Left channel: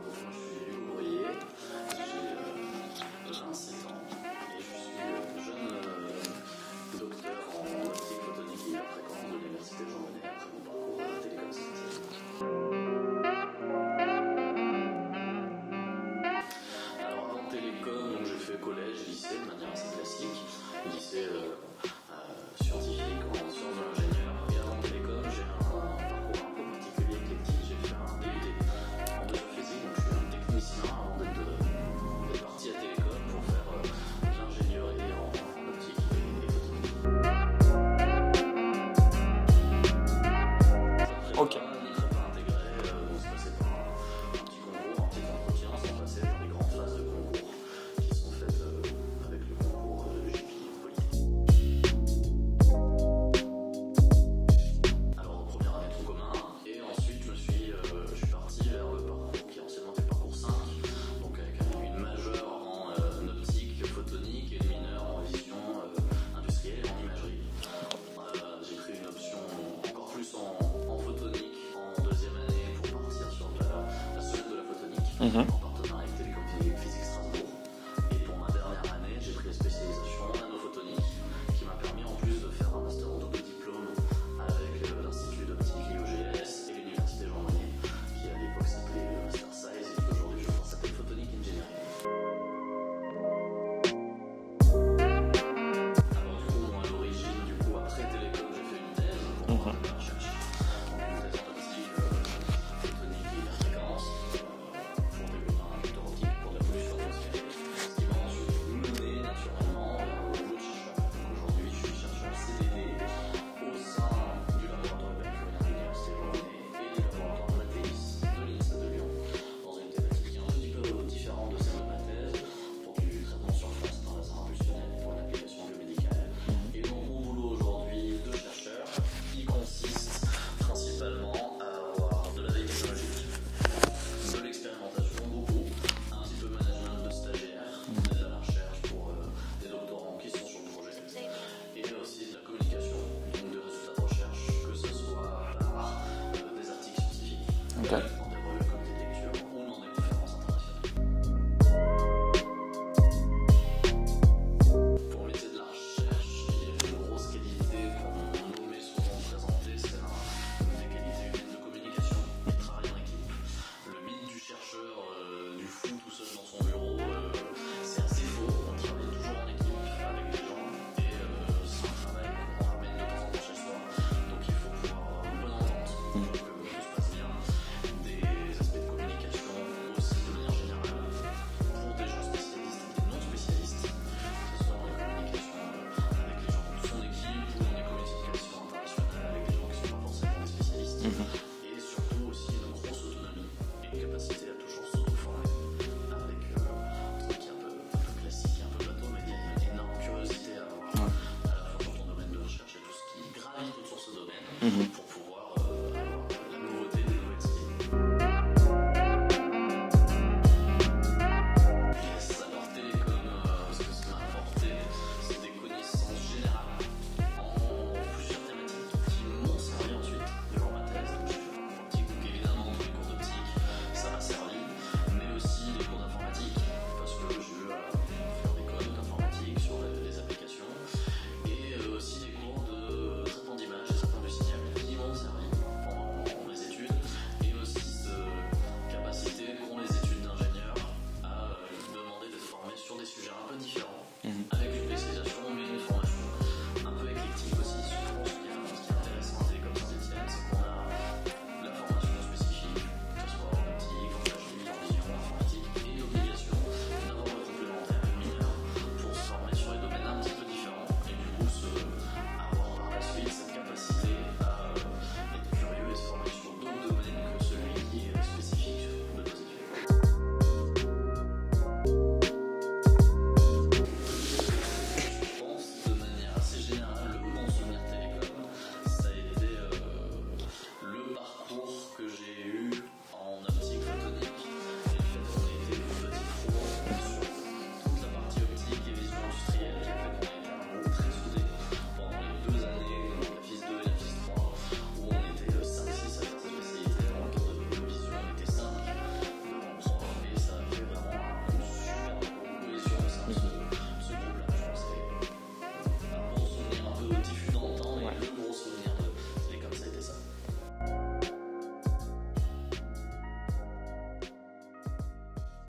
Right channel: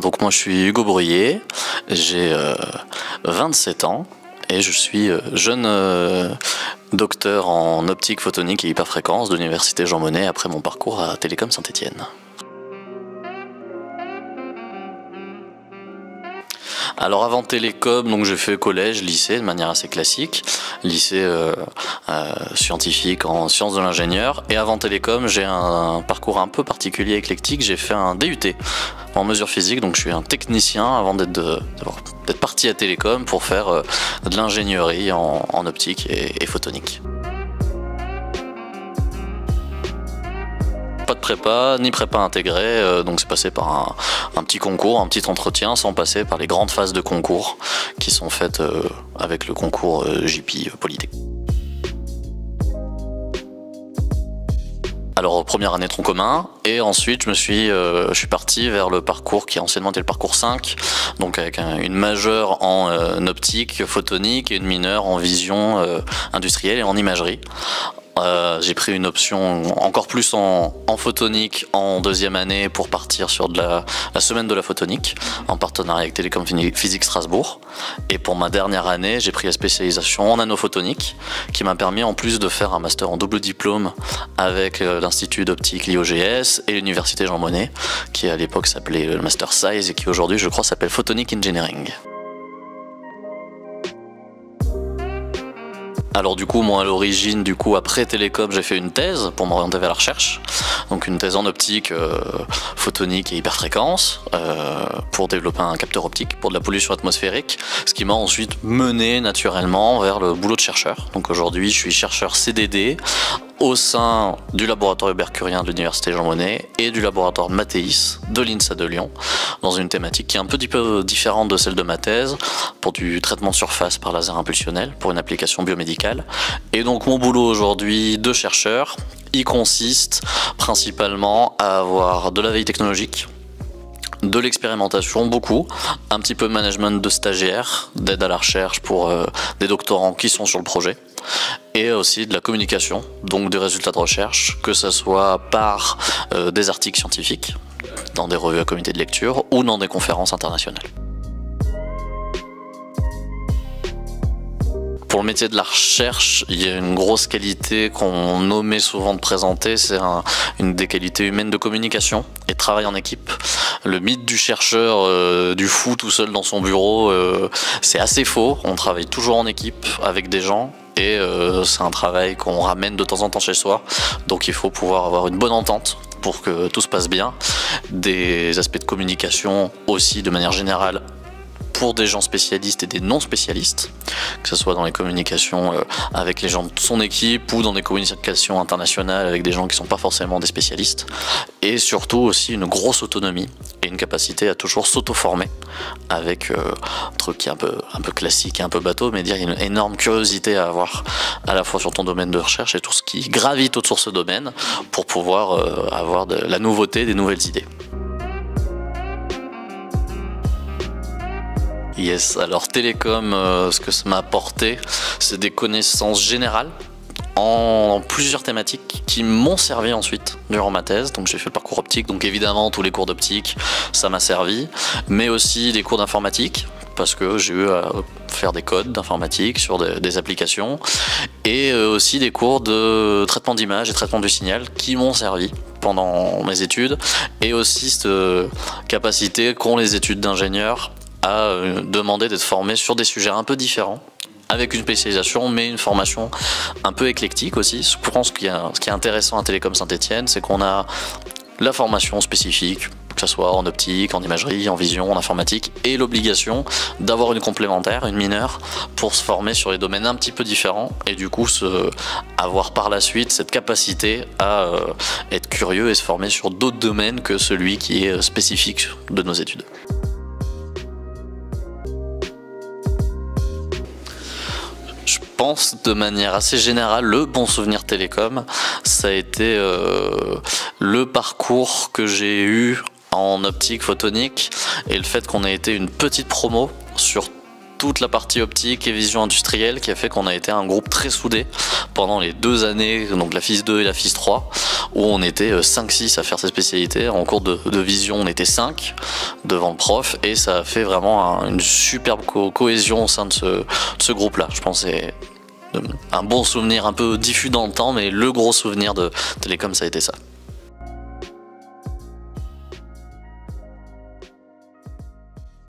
Donc moi je suis Hugo Bruyé, j'ai 27 ans et je suis jeune docteur en optique photonique et hyperfréquence de l'université Jean Monnet après mon parcours à Télécom Saint-Étienne. Alors avant Télécom, donc j'ai fait collège, lycée de manière assez classique, lycée scientifique en sciences de l'ingénieur, et avant Télécom j'ai un parcours un peu particulier, éclectique, j'ai fait un DUT en mesure physique, donc je suis un technicien avant d'être parti à Télécom pour faire de l'ingénierie en optique et photonique. Pas de prépa, ni prépa intégrée, donc c'est passé par un petit concours, un petit entretien, sans passer par les grandes phases de concours qui sont faites avec le concours JP Polytechnique. Alors première année tronc commun, et ensuite je suis parti vers le parcours qui anciennement était le parcours 5, donc avec une majeure en optique photonique et une mineure en vision industrielle et en imagerie. J'ai pris une option encore plus en photonique en deuxième année pour partir sur la semaine de la photonique en partenariat avec Télécom Physique Strasbourg. Et pour ma dernière année, j'ai pris la spécialisation en nanophotonique qui m'a permis en plus de faire un master en double diplôme avec l'Institut d'optique l'IOGS et l'Université Jean Monnet qui à l'époque s'appelait le Master Size et qui aujourd'hui je crois s'appelle Photonic Engineering. Alors du coup, moi à l'origine, après Télécom, j'ai fait une thèse pour m'orienter vers la recherche. Donc une thèse en optique, photonique et hyperfréquence pour développer un capteur optique pour de la pollution atmosphérique. Ce qui m'a ensuite mené naturellement vers le boulot de chercheur. Donc aujourd'hui, je suis chercheur CDD au sein du laboratoire Hubert-Curien de l'Université Jean Monnet et du laboratoire Mathéis de l'INSA de Lyon, dans une thématique qui est un peu différente de celle de ma thèse, pour du traitement de surface par laser impulsionnel, pour une application biomédicale. Et donc mon boulot aujourd'hui de chercheur, il consiste principalement à avoir de la veille technologique, de l'expérimentation, beaucoup, un petit peu de management de stagiaires, d'aide à la recherche pour des doctorants qui sont sur le projet, et aussi de la communication, donc des résultats de recherche, que ce soit par des articles scientifiques, dans des revues à comité de lecture, ou dans des conférences internationales. Pour le métier de la recherche, il y a une grosse qualité qu'on omet souvent de présenter, c'est une des qualités humaines de communication et de travail en équipe. Le mythe du chercheur, du fou tout seul dans son bureau, c'est assez faux. On travaille toujours en équipe avec des gens et c'est un travail qu'on ramène de temps en temps chez soi. Donc il faut pouvoir avoir une bonne entente pour que tout se passe bien. Des aspects de communication aussi de manière générale, pour des gens spécialistes et des non spécialistes, que ce soit dans les communications avec les gens de son équipe ou dans des communications internationales avec des gens qui ne sont pas forcément des spécialistes, et surtout aussi une grosse autonomie et une capacité à toujours s'auto-former avec un truc qui est un peu classique et un peu bateau, mais dire une énorme curiosité à avoir à la fois sur ton domaine de recherche et tout ce qui gravite autour de ce domaine pour pouvoir avoir de la nouveauté, des nouvelles idées. Yes, alors Télécom, ce que ça m'a apporté, c'est des connaissances générales en plusieurs thématiques qui m'ont servi ensuite durant ma thèse. Donc j'ai fait le parcours optique, donc évidemment tous les cours d'optique, ça m'a servi, mais aussi des cours d'informatique, parce que j'ai eu à faire des codes d'informatique sur des applications, et aussi des cours de traitement d'image et traitement du signal qui m'ont servi pendant mes études, et aussi cette capacité qu'ont les études d'ingénieur à demander d'être formé sur des sujets un peu différents, avec une spécialisation, mais une formation un peu éclectique aussi. Je pense ce qui est intéressant à Télécom Saint-Étienne, c'est qu'on a la formation spécifique, que ce soit en optique, en imagerie, en vision, en informatique, et l'obligation d'avoir une complémentaire, une mineure, pour se former sur les domaines un petit peu différents, et du coup avoir par la suite cette capacité à être curieux et se former sur d'autres domaines que celui qui est spécifique de nos études. Je pense de manière assez générale, le bon souvenir Télécom, ça a été le parcours que j'ai eu en optique photonique et le fait qu'on ait été une petite promo sur toute la partie optique et vision industrielle qui a fait qu'on a été un groupe très soudé pendant les 2 années, donc la FIS 2 et la FIS 3, où on était 5-6 à faire ces spécialités. En cours de vision, on était 5 devant le prof, et ça a fait vraiment une superbe cohésion au sein de ce groupe-là. Je pense que c'est un bon souvenir, un peu diffus dans le temps, mais le gros souvenir de Télécom, ça a été ça.